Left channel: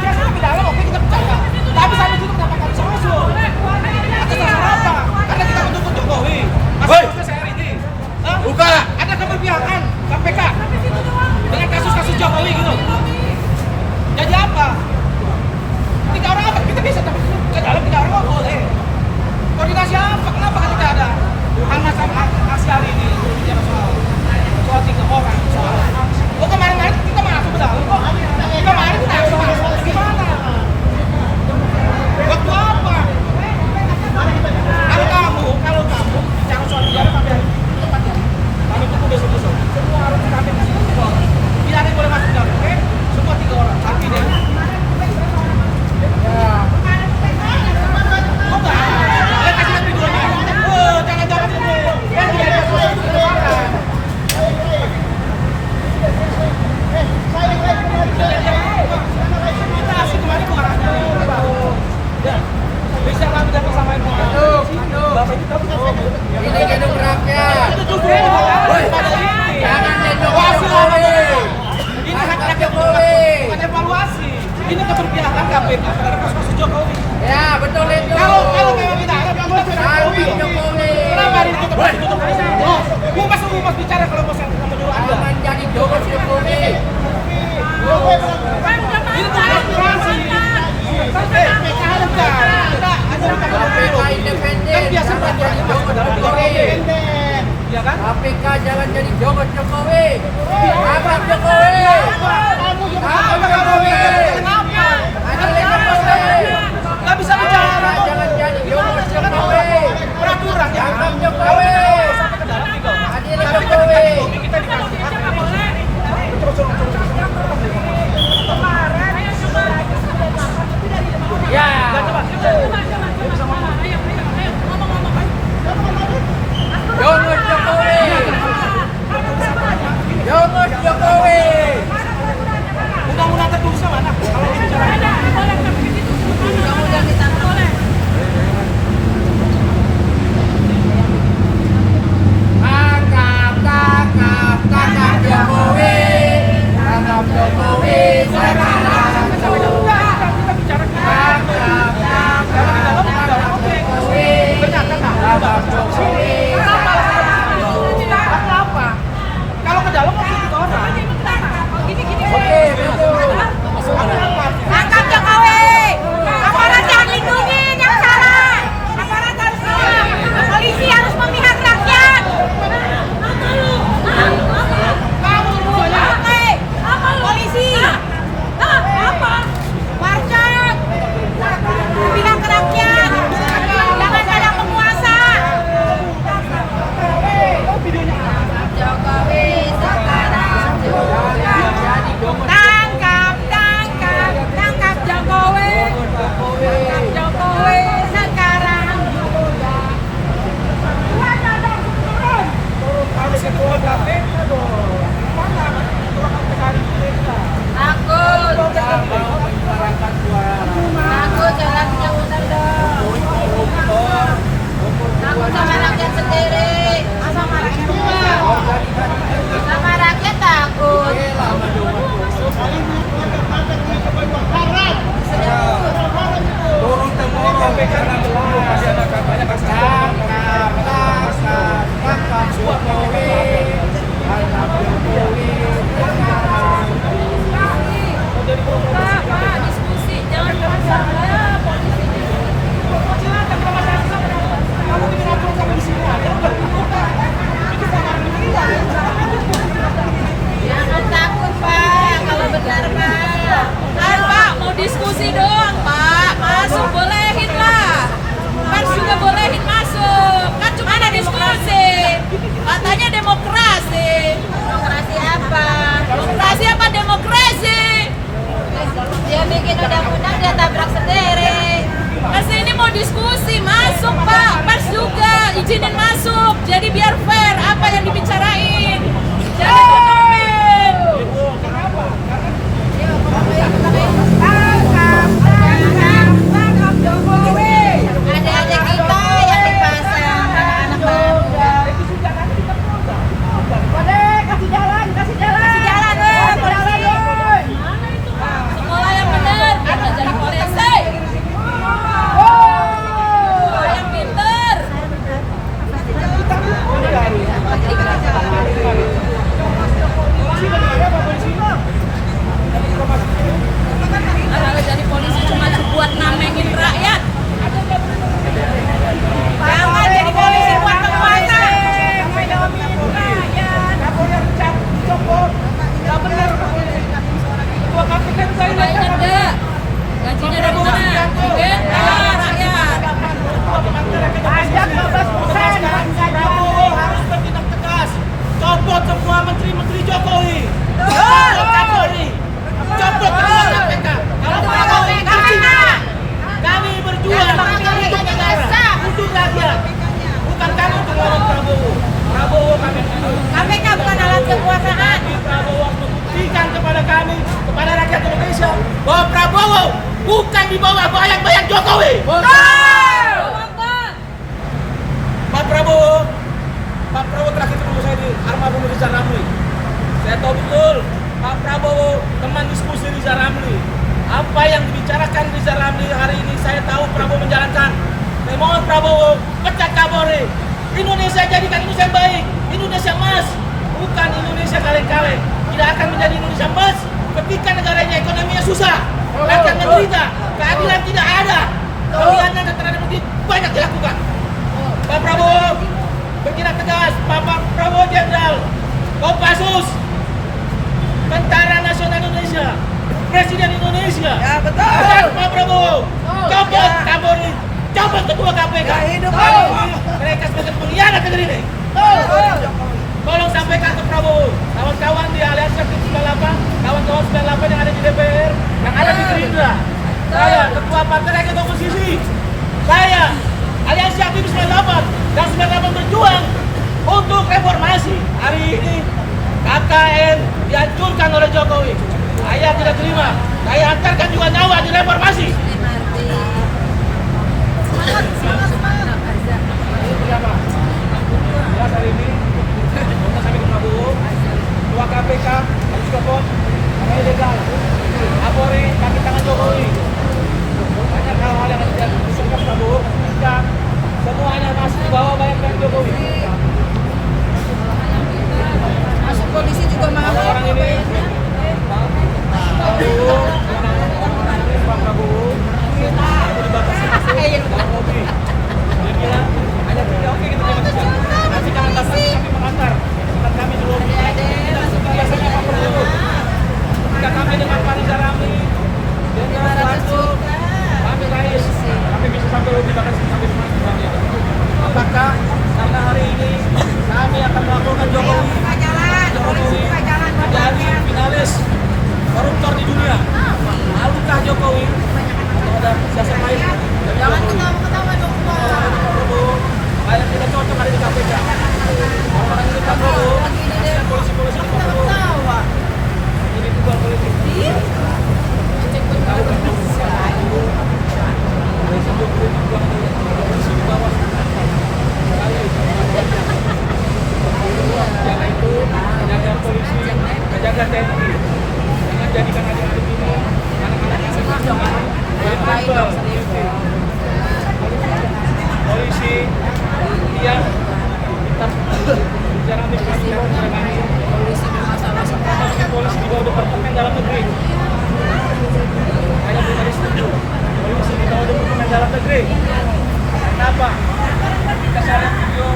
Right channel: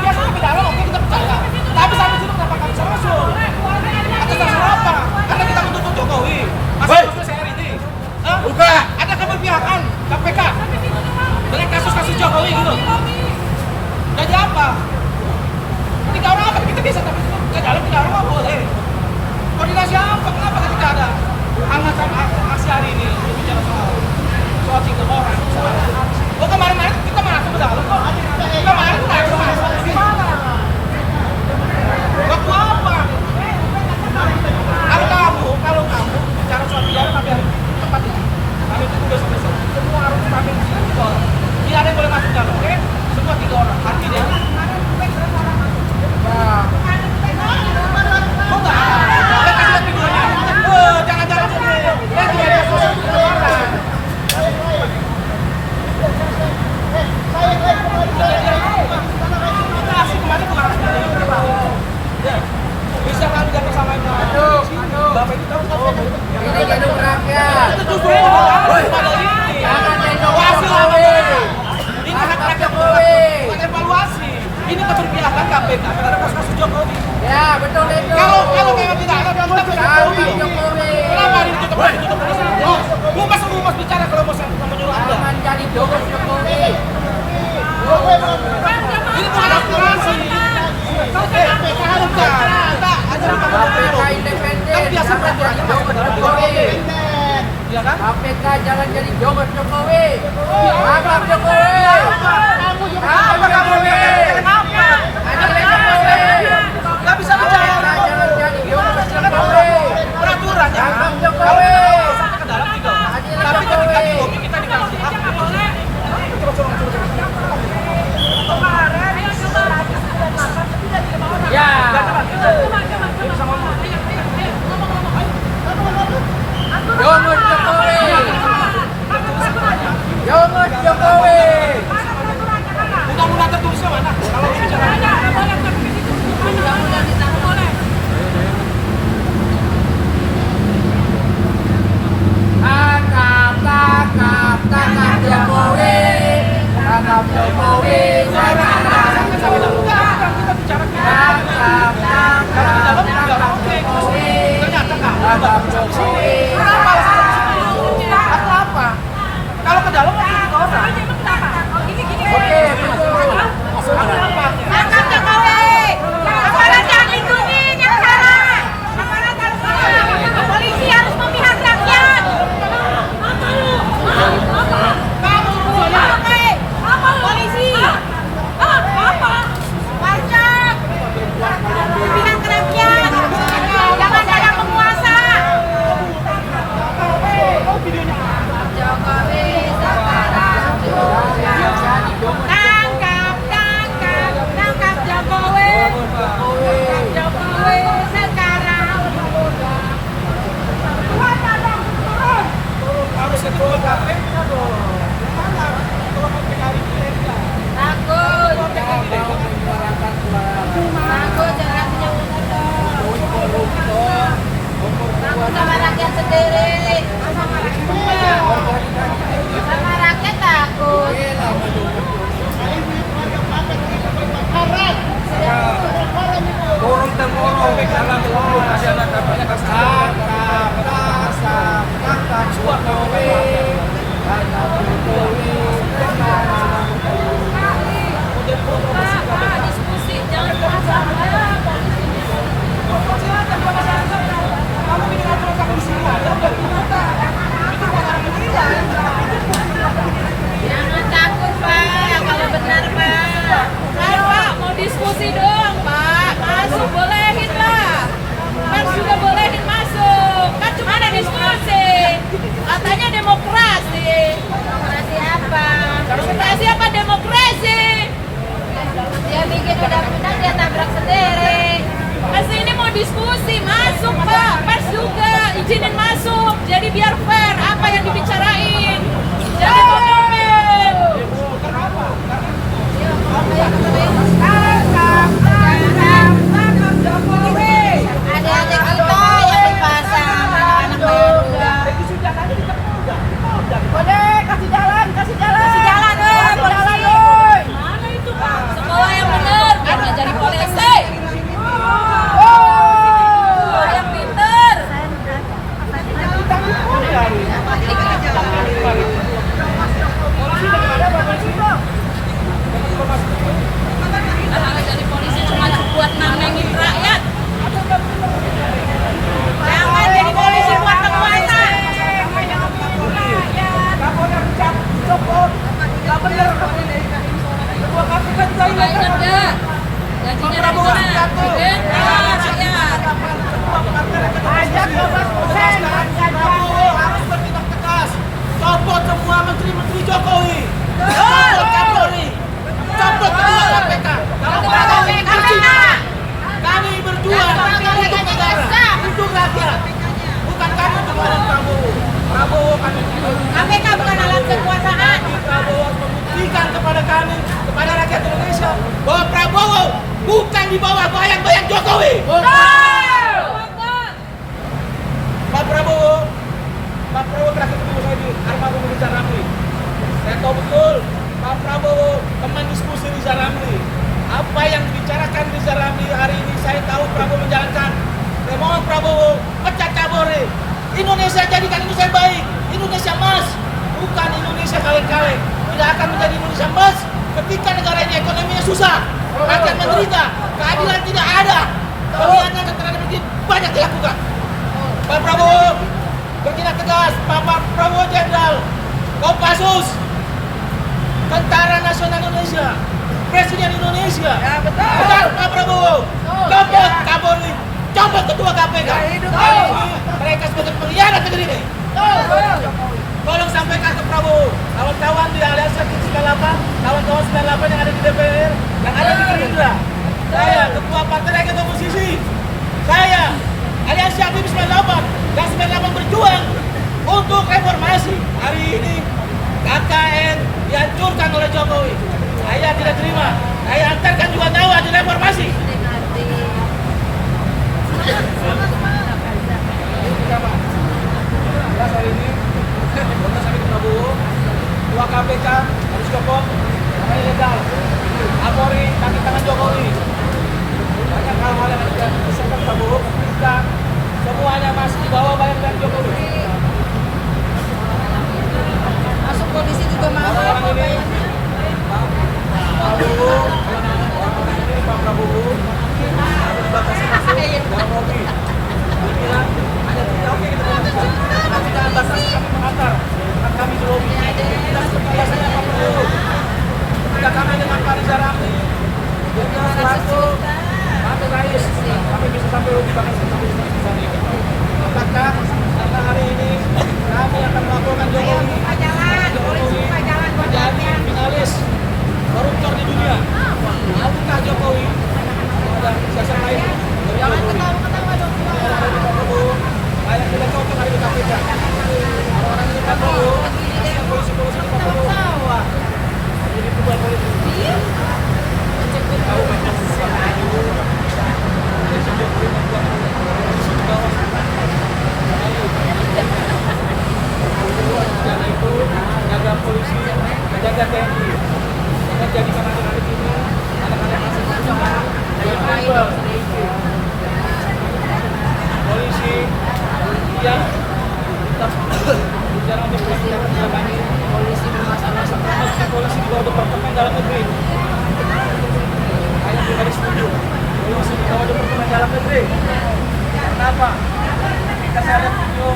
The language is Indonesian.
biasanya ke dalam oke kita percaya. Tapi sampai situ kenapa nggak bisa masuk? Atas dasar apa? Karena kita menuntut Jokowi. Masa maksudnya saya ini? Buka. Ada keberpihakan KPK dengan kasus-kasus Jokowi gitu. Jadi apa? 3 orang apa? Kita bisa tapi ke dalam 3 orang nggak boleh. Koordinasi apa? Kenapa ketika ada hal macam aksi hari ini berbicara soal 3 orang? Oh kemarin-kemarin kita masuk ke dalam kok. Kemarin kita masuk gimana? Waktu apa? Kalau kamu bicara soal 3 orang tapi hari ini tempatnya kami tunggu besok. Semua harus kami di sini 3 orang. Tidak ada yang boleh masuk ke dalam, oke? Semua 3 orang. Artinya oh enggak ada. Lihat kasih lihat videonya. Jangan jalan ini. Lihat dia ada proses untuk keluaran. Asli kemarin bukan asli. Ya. Bisa kami datang sama ibu. Bapak itu tahu Ini gedung rakyat. itu tujuh orang pada ini. Hasil apa ini hak rakyat bukan evaluasi. Ini keberpihakan KPK terhadap kasus-kasus Jokowi. Ya, betul itu. Kalau memang tidak ada, kita bisa Kami Jokowi. kenapa ini ditutup? Humas bicara kalau bos yang menyuruh Anda. Aman jadi boros Jokowi. Ini bukan aspirasi. KPK ada KPK independen. kan biasa peraturannya masuk ke dalam Jokowi. Iya kan? KPK jangan jadi jogot Jokowi. Abang Jokowi. Apa kamu kenapa? Nggak bisa bicara. Jangan jadi jogot Jokowi. Peraturan ya. Abang Kalau Jokowi. sampai ke dalam 3 orang. Tapi ketika di lobi kita dikasih hak. Ya. Jogot Jokowi. Jogot Jokowi. Undang-undang tertulisnya mana? Kalau bicara Tangkap Jokowi. Tangkap Jokowi. kita bicara kalau di dalam oke. Ternyata Tangkap Jokowi. Kenapa? Kalau ke dalam masih 3 orang. Oke. Apa? Tangkap Jokowi. Aparat yang lindungin yang salah. Aparat harus salah. Polisi harus memihak rakyat. Kamu tujuannya Apa polisi? Apa? Marcak. Memihak rakyat. Jangan ada penguasa. oh videonya Jokowi sekarang. Tangkap Jokowi. Jokowi sekarang. harus ketua KPK dong. Yang mana? Ketua KPK hari ini legal. Takut. Menyuarakan suara. Takut jalan yang benar dong. Takut sama rakyat sendiri. Sama rakyat takut. Turun temurun dalam seluruh masyarakat banyak tangkap Jokowi. Tangkap Jokowi. Mau jadi promosi KPK. Diskusi jangan masalah. Silakan bukan masyarakat. Kamu bikin aturan sampai di sini aja udah dibuka. Itu bukan orang menilai. Jangan takut Pak, kalau benar Pak. Pak mau diskusi doang Pak, masuk bolehin lah. Kan juga bolehin masuk, kan cuma ada diskusi. Katanya demokrasi. Demokrasi apa? Demokrasi apa demokrasi? Dia bikin undang-undang dia tabrak sendiri. Asli ini mau diskusi, masuk Pak, pers juga, izinin masuk. Jadi biar fair apa yang dibicarain. Jangan tutupin. Kenapa? Tangkap Jokowi. Adik-adik kita yang dipasang anak baru. Kasih jalan, kasih jalan. Sekolah yang benar. ada. Pak Gajinya dari Prabowo mana? Subianto, Dari rakyat. tanggapan Ketua Partai Rakyat Oposisi menegaskan Prabowo harus bertindak tegas, copot semua menteri-menteri Jokowi, copot Kapolri, copot Ketua KPK. Kalau Prabowo ini berzina, kami berjuang untuk negara, untuk rakyat, bukan kami untuk lawan Prabowo. Prabowo kami tidak. KPK bukan alat kekuasaan. Tapi Prabowo harus membuktikan kepada kami, kepada rakyat Indonesia, bahwa Prabowo bukan di bawah bayang-bayang Jokowi. Pak Prabowo terakhir ketemu saya di Arma Riza Ramli. Saya tahu betul Pak Prabowo teman diskusi Riza Ramli. Apa yang dibicarakan Riza Ramli hari ini saya tahu Prabowo menjalankan. Saya mohon Prabowo pecat Kapolri. Indonesia jadikan Indonesia yang baik, Indonesia emas, bukan Indonesia kaleng-kaleng. Tidak akan menjadi Indonesia emas ketika negara ini ekonominya susah, rakyat menderita, keadilan tidak ada, pengkhianatan terhadap rakyat banyak dilakukan. Pak Prabowo bertindak tegas, Pak Prabowo Jenderal Kopassus, Tentara Nasional Indonesia, Presiden Indonesia. Ya, betul. Betul, Pak Prabowo, copot Kapolri, copot Ketua KPK. Hari ini mereka sebagai pengkhianat negeri ini. Tolong sampaikan ke Prabowo, kawan-kawan di Aliansi Aktif 98, kawan-kawan 98 yang ada di DPR, yang ada di Gerindra. Saya Ketua Partai Rakyat Oposisi. Saya Aliansi Aktif 98 dan 98 berjuang untuk reformasi. Hari ini KKN dihancurkan oleh Jokowi. Saya tidak terima. Saya antarkan juga nyawa di reformasi. Ini bersama. Jelas hari ini kita sampai ke Prabowo, Ketua KPK harus copot karena ilegal. Kapolri kaki tangan Jokowi. Banyak hal-hal yang ada dipisahkan Prabowo ketika semuanya masih di bawah bayang-bayang Jokowi. Masuk polisi juga mahal. Orang-orang ini, Pak Prabowo, orang-orang ini Pak Prabowo, kami dibatasi masuk dalam mobil. Dia bilang hanya 3, oke kita jangan 3. Nanti jangan batasi kami mengantar. Tetap kami di lobi. Kita seperti biasanya Pak Prabowo. Ketika kami dengan Pak Riza Ramli, Jenderal Soeharto, Pak Amin Rais, kami bisa sampai lobi bahkan sampai rumah misalnya. Apakah karena hari ini kami akan melaporkan Jokowi menjadi finalis koruptor di dunia? Malukah Jokowi atau ada dasar lain dari Jokowi? Orang-orang ini Pak Prabowo, kayak tidak cocok ada di KPK. Orang-orang ini Pak Prabowo, kasihan polisi-polisi di Pak Prabowo. Jadi tubal politik. Karena itu jaga polisi, jaga TNI. Jangan jadikan adik-adik ini, anak-anak kami jadi tubal politik. Polisi yang kita bicara di pelajaran kepada kami, polisi di bawah Departemen Dalam Negeri. Saya pribadi setuju. Polisi di bawah Departemen Dalam Negeri. Kenapa? Kita saya video